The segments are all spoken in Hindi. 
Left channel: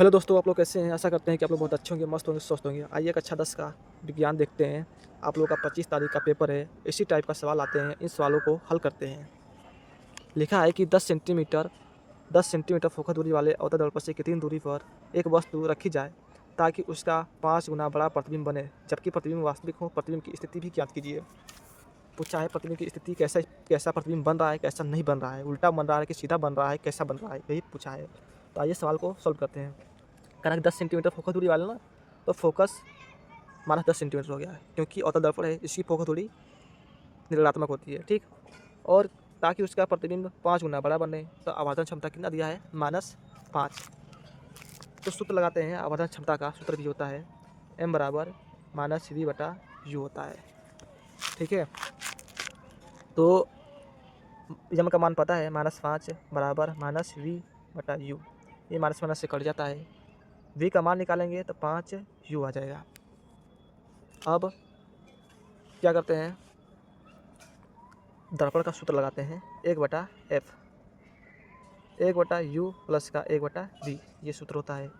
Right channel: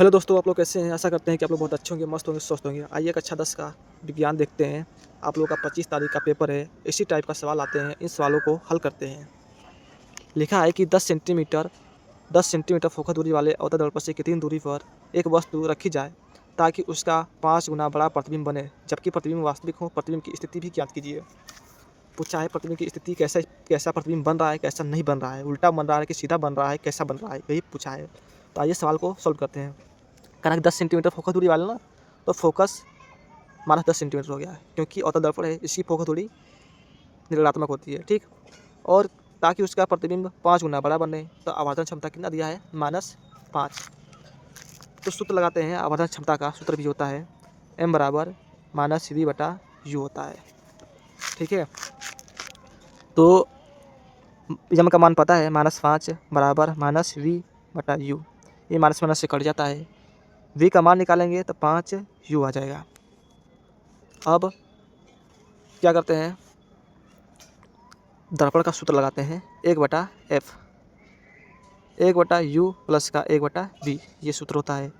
हेलो दोस्तों, आप लोग कैसे हैं? आशा करते हैं कि आप लोग बहुत अच्छे होंगे, मस्त होंगे, स्वस्थ होंगे। आइए कक्षा 10 का विज्ञान देखते हैं। आप लोगों का 25 तारीख का पेपर है। इसी टाइप का सवाल आते हैं, इन सवालों को हल करते हैं। लिखा है कि 10 सेंटीमीटर फोकस दूरी वाले अवतल दर्पण से कितनी दूरी पर एक वस्तु रखी जाए ताकि उसका 5 गुना बड़ा प्रतिबिंब बने, जबकि प्रतिबिंब वास्तविक हो। प्रतिबिंब की स्थिति भी ज्ञात कीजिए। पूछा है प्रतिबिंब की स्थिति कैसा कैसा प्रतिबिंब बन रहा है, कैसा नहीं बन रहा है, उल्टा बन रहा है कि सीधा बन रहा है, कैसा बन रहा है, यही पूछा है। तो आइए सवाल को सॉल्व करते हैं। कहा कि 10 सेंटीमीटर फोकस दूरी वाला ना, तो फोकस माइनस 10 सेंटीमीटर हो गया है, क्योंकि अवतल दर्पण है, इसकी फोकस दूरी ऋणात्मक होती है। ठीक। और ताकि उसका प्रतिबिंब 5 गुना बड़ा बने, तो आवर्धन क्षमता कितना दिया है? -5। तो सूत्र लगाते हैं। आवर्धन क्षमता का सूत्र भी होता है m बराबर -v/u होता है। ठीक है। तो यम का मान पता है, -5 बराबर -v/u। ये माइनस माइनस से कट जाता है। v का मान निकालेंगे तो 5u आ जाएगा। अब क्या करते हैं, दर्पण का सूत्र लगाते हैं। 1/f, 1/u प्लस का 1/v, ये सूत्र होता है।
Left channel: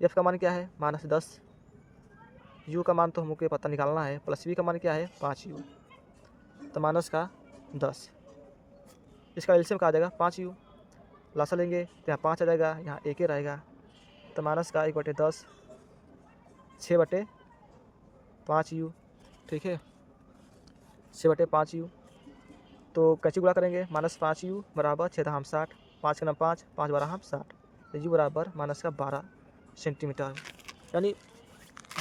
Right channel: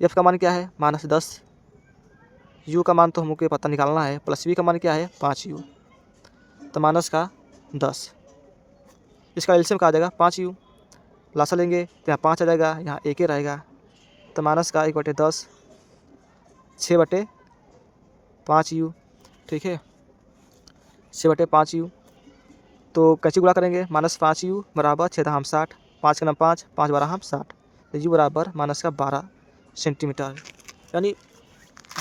f का मान क्या है? -10। u का मान तो हमको पता निकालना है, प्लस v का मान क्या है? 5u। तो माइनस का 10, इसका एलसीएम का आ जाएगा 5u। लासा लेंगे तो यहाँ 5 आ जाएगा, यहाँ 1 ही रहेगा। तो माइनस का 1/10, 6/5u। ठीक है, 6/5u। तो कैसे गुणा करेंगे? -5u बराबर 6×60, 5 का नाम 5, 5 12 हम 60। तो u बराबर माइनस का 12 सेंटीमीटर। यानी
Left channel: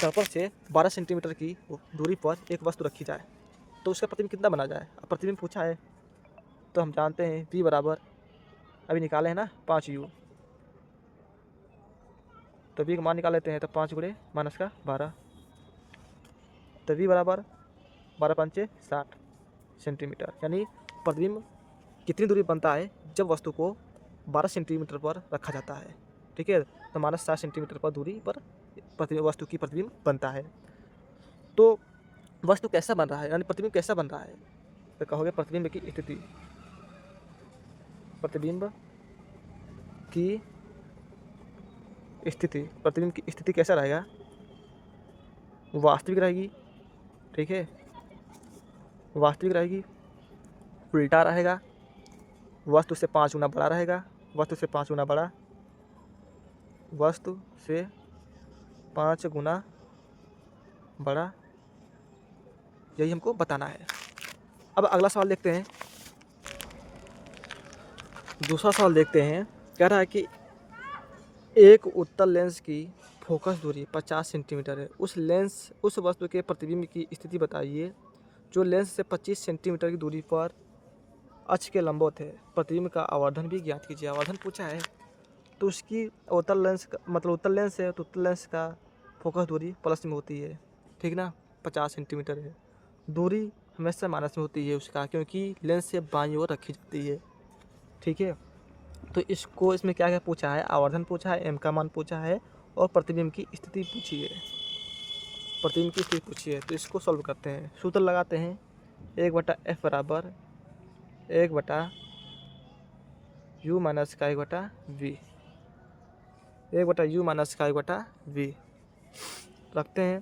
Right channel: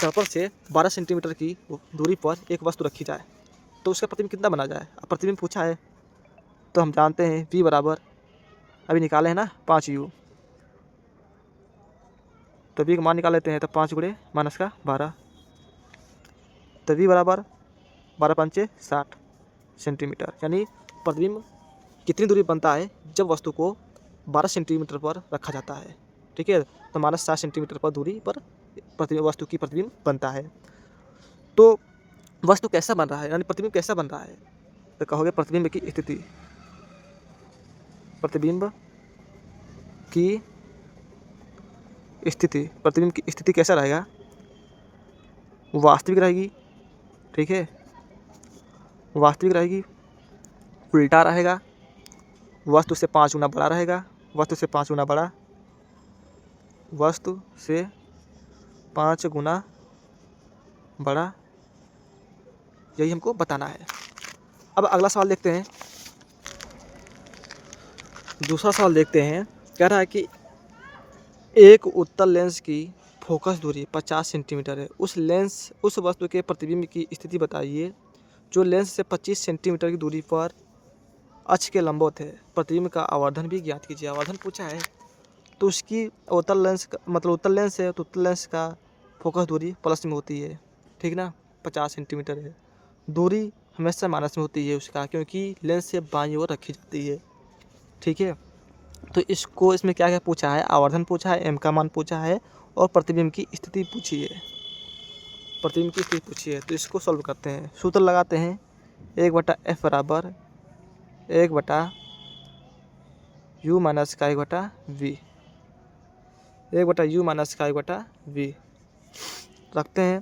दर्पण से 12 सेंटीमीटर की दूरी पर एक वस्तु रखी जाए तो उसका प्रतिबिंब कितना बना जाए। अब प्रतिबिंब पूछा है तो हम जानते हैं v बराबर, अभी निकाले हैं ना, 5u। तो v का मान निकाल लेते हैं, तो 5 गुणे माइनस का 12, तो v बराबर 12×5 = 60 सेंटीमीटर। यानी प्रतिबिंब कितनी दूरी बनता है जब वस्तु को 12 सेंटीमीटर पर रखा जाता है। ठीक है। तो -60 सेंटीमीटर पर दूरी पर प्रतिबिंब, वस्तु की प्रतिबिंब बनता है। तो वस्तु कैसा बन रहा है, यानी प्रतिबिंब कैसा बन रहा है? तो कहोगे प्रतिबिंब की स्थिति, प्रतिबिंब की स्थिति, प्रतिबिंब की स्थिति कैसा रहेगा? वास्तविक रहेगी। ठीक है, वास्तविक रहेगी, उल्टा रहेगा, वस्तु से 5 गुना बड़ा रहेगा, वस्तु से 5 गुना बड़ा, वस्तु से 5 गुना बड़ा, यही हमको बताना है। अब अगला सवाल देखते हैं। दूसरा सवाल देखते हैं। कह रहा है कि एक उत्तल लेंस की फोकस दूरी 50 सेंटीमीटर है। उस वस्तु के प्रतिबिंब की स्थिति बताइए जो लेंस से 25 सेंटीमीटर की दूरी पर अक्ष के लंबवत है। प्रतिबिंब का आवर्धन भी ज्ञात कीजिए। आवर्धन पूछा है तो उसकी उत्तल लेंस मतलब उत्तल लेंस है, तो उत्तल लेंस का फोकस दूरी प्लस में होती है। ठीक ना, 50 सेंटीमीटर है। दूरी हमेशा माइनस में होती है उसका, क्योंकि लेंस से बाईं ओर रखी जाती है। ठीक है। तो इसमें क्या क्या पूछा है? आवर्धन पूछा है, एम का मान पूछा है, और प्रतिबिंब की स्थिति पूछी है। प्रतिबिंब की स्थिति पूछी है, तो इसको सॉल्व करते हैं। सूत्र लगाते हैं। 1/f बराबर 1/u माइनस का 1/v, 1/u माइनस का 1/v रखते हैं।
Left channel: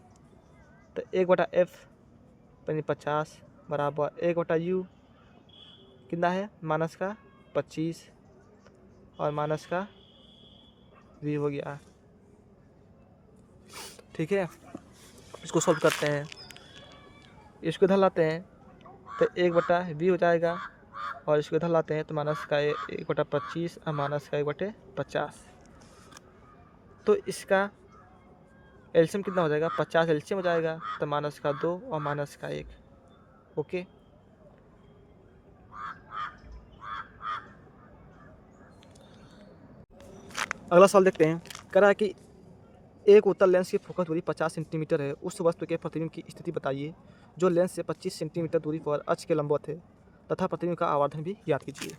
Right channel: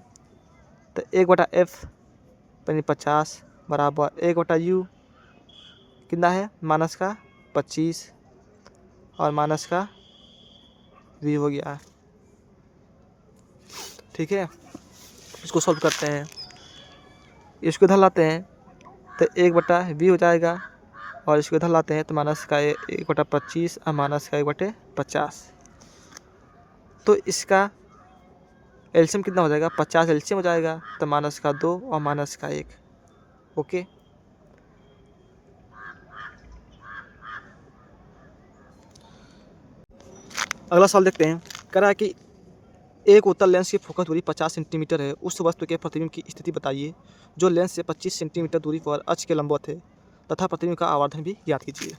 तो 1/f यानी 50 बराबर 1/u कितना है? माइनस का 25 और माइनस का v हो गया। ठीक है, इसको सॉल्व करते हैं। इसको इधर लाते हैं तो 1/v हो जाएगा, और इसको इधर लाते हैं तो माइनस का 1/25 और माइनस का 1/50। तो इसका एलसीएम कितना हो जाएगा? 50 एलसीएम हो जाएगा, तो माइनस का 2 और माइनस का 1। ओके। अगला सवाल देखते हैं। कह रहा है कि एक उत्तल लेंस की फोकस दूरी 50 सेंटीमीटर है। उस वस्तु के प्रतिबिंब की स्थिति बताइए जो लेंस से 25 सेंटीमीटर दूरी पर अक्ष के लंबवत है, तथा प्रतिबिंब का आवर्धन भी ज्ञात कीजिए।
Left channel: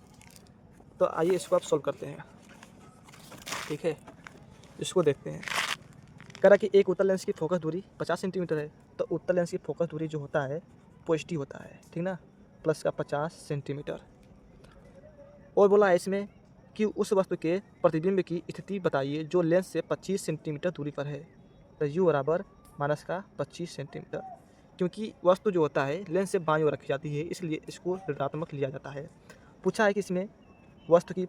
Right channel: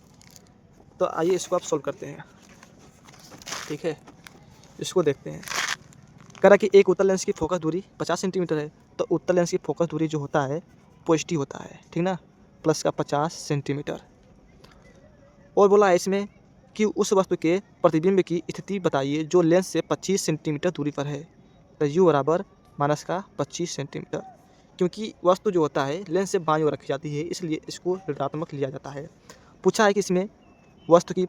तो आइए इसको आप सोल्व करते हैं। ठीक है, इसको देखते हैं। कह रहा है कि एक उत्तल लेंस की फोकस दूरी 50 सेंटीमीटर है, तो उत्तल लेंस की फोकस दूरी जो होता है पॉजिटिव होता है। ठीक ना, प्लस का 50 सेंटीमीटर। और बोला है इसमें कि उस वस्तु के प्रतिबिंब की स्थिति बताइए जो लेंस से 25 सेंटीमीटर दूरी पर है। तो u बराबर माइनस का 25 सेंटीमीटर, क्योंकि वस्तु जो होता है लेंस से बाईं ओर रखी जाती है इसलिए इसको ऋणात्मक लिया जाता है। पूछा है कि इसमें वस्तु की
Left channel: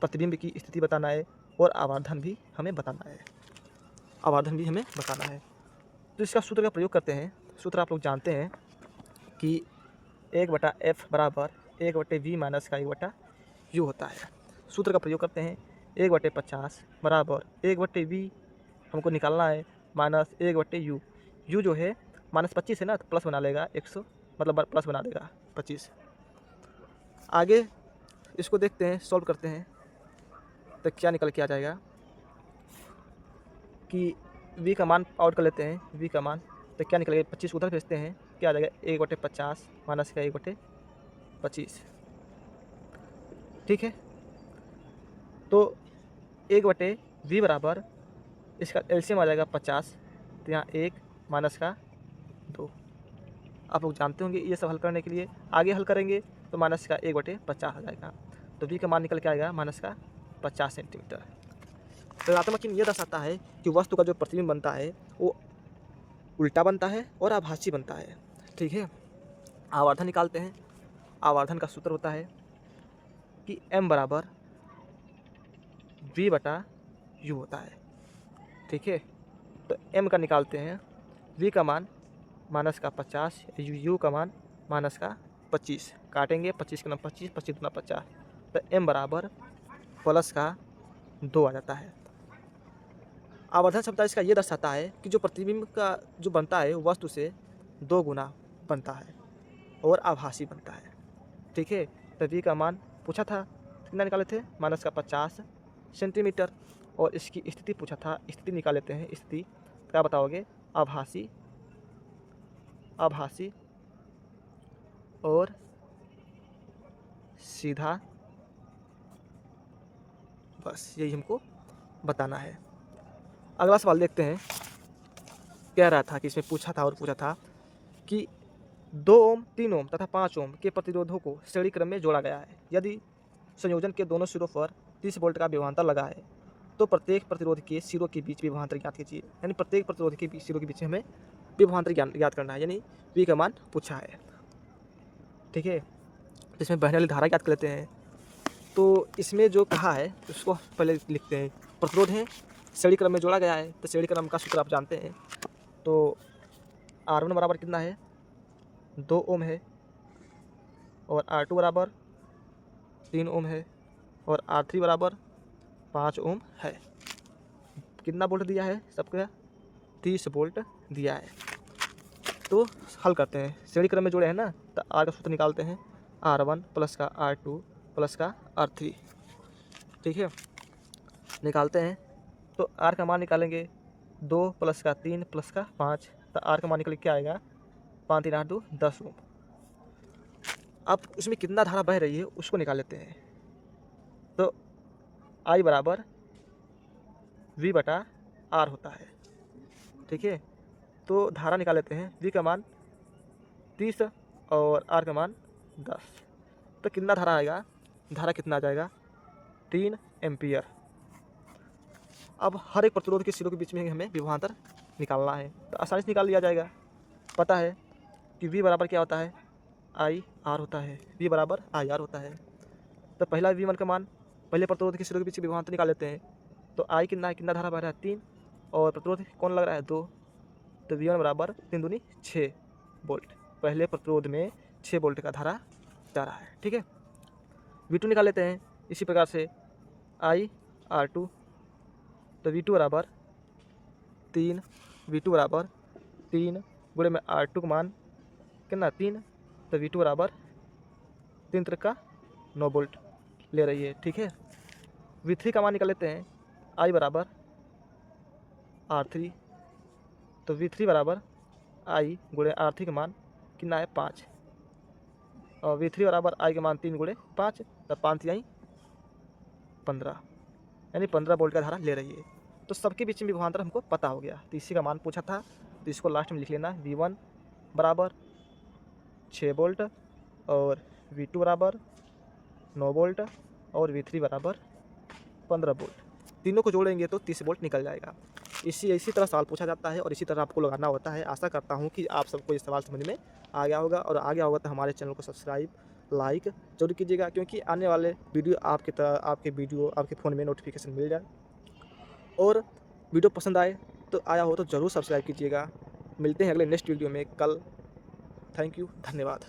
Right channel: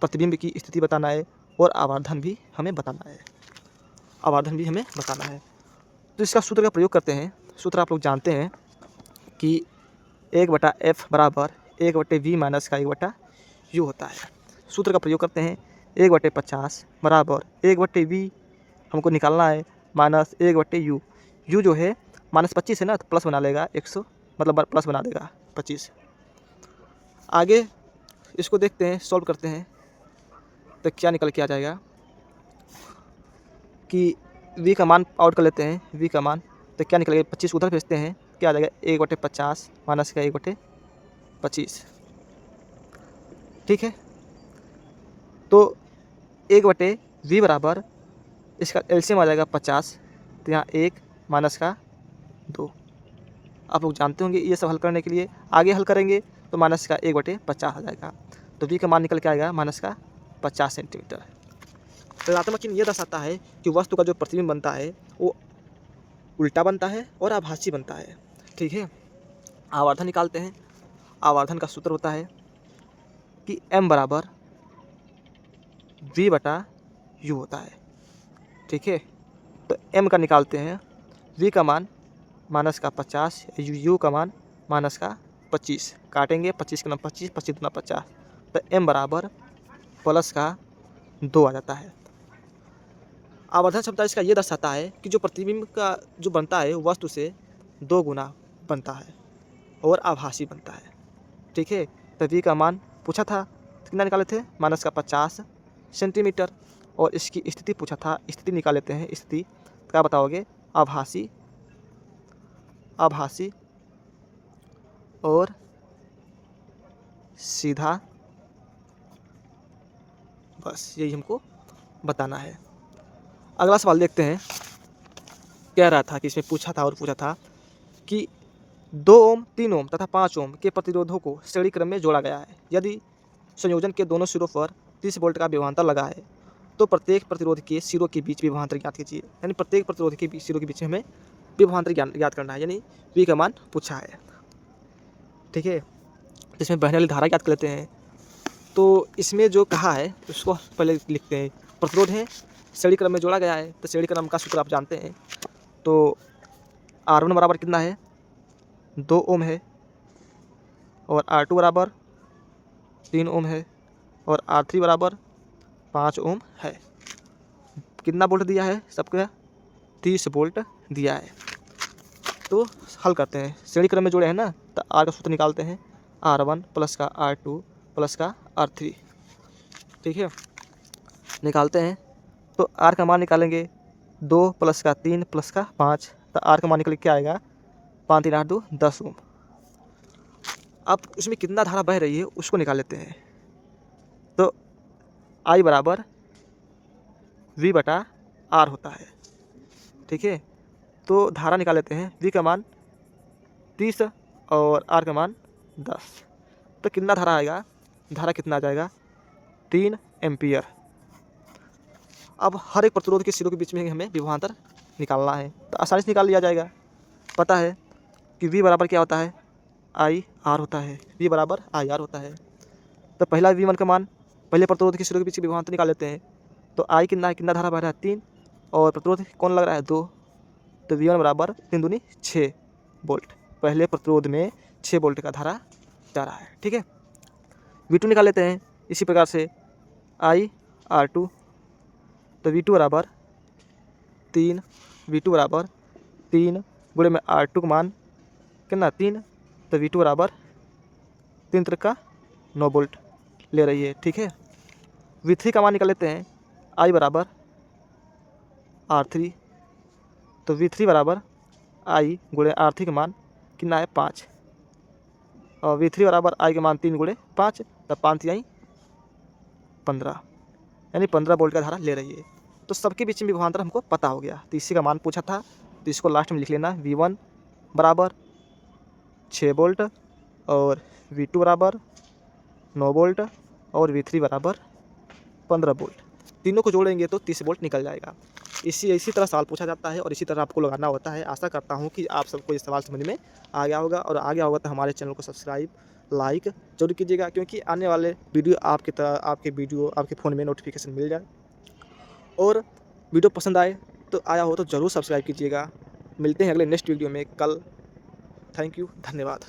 प्रतिबिंब की स्थिति बताना है और आवर्धन भी हमें बताना है। तो इसका सूत्र का प्रयोग करते हैं। सूत्र आप लोग जानते हैं कि 1/f बराबर 1/v माइनस का 1/u होता है। सूत्र का प्रयोग करते हैं। 1/50 बराबर 1/v हमको निकालना है माइनस 1/u। u जो है -25 है ना, तो प्लस बना लेगा 100, मतलब प्लस बना देगा 25। आगे इसको देखते हैं, सॉल्व करते हैं तो क्या निकल के आ जाएगा कि v का मान आउट कर लेते हैं। v का मान तो क्या निकलेगा, 25 उधर भेजते हैं, क्या आ जाएगा 1/50 माइनस का 1/25। ठीक है, तो 1/v बराबर इसका एलसीएम आ जाएगा 50, तो यहाँ 1 माइनस का 2। आप लोग जानते होंगे ये सब हल करने के लिए। आगे हल करेंगे तो माइनस का 1/50 आ जाएगा, तो v का मान निकल के आएगा माइनस का 50 सेंटीमीटर। तो ऋणात्मक चिन्ह ये दर्शाता है कि वस्तु का जो प्रतिबिंब बनता है वो उल्टा बनता है और आभासी बनता है। ठीक है, आवर्धन निकालते हैं। आवर्धन का सूत्र होता है कि m बराबर v/u होता है। ठीक है, तो m का निकालते हैं, v का मान माइनस का 50, u का मान माइनस का 25, काटेंगे 25 का 25, 25 दूना 50, तो m बराबर प्लस का 2 आ जाता है। आवर्धन क्षमता इसका ये दर्शाता है कि जो प्रतिबिंब का जो बनता है वस्तु से 2 गुना बनता है और आभासी बनता है। ठीक है, तो v का मान पूछा था कितना निकाले थे, माइनस का 50 सेंटीमीटर, और इसकी स्थिति पूछा था, स्थिति निकाल लेते हैं। स्थिति क्या बताओगे, आभासी और सीधा, बस यही हमको बताना है। अगला सवाल देखते हैं। कह रहा था कि इसमें पूछा था कि 2 ओम, 3 ओम तथा 5 ओम के प्रतिरोधों को श्रेणी क्रम में जोड़ा गया है। यदि संयोजन के दोनों सिरों पर 30 वोल्ट का विभवांतर लगा है तो प्रत्येक प्रतिरोध के सिरों के बीच विभवांतर ज्ञात कीजिए। यानी प्रत्येक प्रतिरोध के सिरों के बीच में हमें विभवांतर ज्ञात करना है, यानी v का मान पूछा है। ठीक है, इसमें बहने वाली धारा ज्ञात कर लेते हैं। तो इसमें जो कहा है उसको पहले लिखते हैं। प्रतिरोध है, श्रेणी क्रम में जोड़ा गया है, तो श्रेणी क्रम का सूत्र आप जानते हैं। तो R1 बराबर कितना है, 2 ओम है, और R2 बराबर 3 ओम है, और R3 बराबर 5 ओम है। कितना वोल्ट दिया है सबको, 30 वोल्ट दिया है। तो हल करते हैं, श्रेणी क्रम में जोड़े हैं ना, तो R का सूत्र निकालते हैं, R1 प्लस का R2 प्लस का R3। ठीक है, निकालते हैं तो R का मान निकालेंगे, 2 प्लस का 3 प्लस का 5, तो R का मान निकल के क्या आएगा, 5 3 8 2 10 ओम। अब उसमें कितना धारा बह रही है उसको निकाल लेते हैं। तो I बराबर V/R होता है। ठीक है, तो धारा निकाल लेते हैं। V का मान 30 और R का मान 10, तो कितना धारा आएगा, धारा कितना आ जाएगा, 3 एम्पियर। अब हर एक प्रतिरोध के सिरों के बीच में हमें विभवांतर निकालना है, तो आसानी से निकाल लिया जाएगा। पता है कि V बराबर क्या होता है, IR होता है। V बराबर IR होता है। तो पहला V1 का मान, पहले प्रतिरोध के सिरों के बीच विभवांतर निकाल लेते हैं। तो I कितना धारा बह रहा है, 3, और प्रतिरोध कौन लग रहा है, 2, तो V1 बराबर 3 दूनी 6 वोल्ट। पहले प्रतिरोध में 6 वोल्ट का धारा जा रहा है। ठीक है, V2 निकाल लेते हैं इसी प्रकार से, IR2, तो V2 बराबर 3, V2 बराबर 3 गुणे में R2 का मान कितना, 3, तो V2 बराबर 3 त्रिक का 9 वोल्ट ले रही है। ठीक है, V3 का मान निकाल लेते हैं, I बराबर R3, तो V3 बराबर I गुणे R3 का मान कितना है, 5, और V3 बराबर I का मान 3 गुणे 5, तो 5 3 15, यानी 15 वोल्ट का धारा ले रही है। तो सबके बीच में विभवांतर हमको पता हो गया। तो इसी का मान पूछा था, तो इसको लास्ट में लिख लेना, V1 बराबर 6 वोल्ट, और V2 बराबर 9 वोल्ट, और V3 बराबर 15 वोल्ट। तीनों को जोड़ेंगे तो 30 वोल्ट निकल जाएगा। इसी तरह सवाल पूछा जाता है और इसी तरह आपको लगाना होता है। आशा करता हूँ कि आप सबको ये सवाल समझ में आ गया होगा, और आ गया होगा तो हमारे चैनल को सब्सक्राइब, लाइक ज़रूर कीजिएगा, क्योंकि आने वाले वीडियो आपके फ़ोन में नोटिफिकेशन मिल जाए। और वीडियो पसंद आया हो तो ज़रूर सब्सक्राइब कीजिएगा। मिलते हैं अगले नेक्स्ट वीडियो में कल। थैंक यू, धन्यवाद।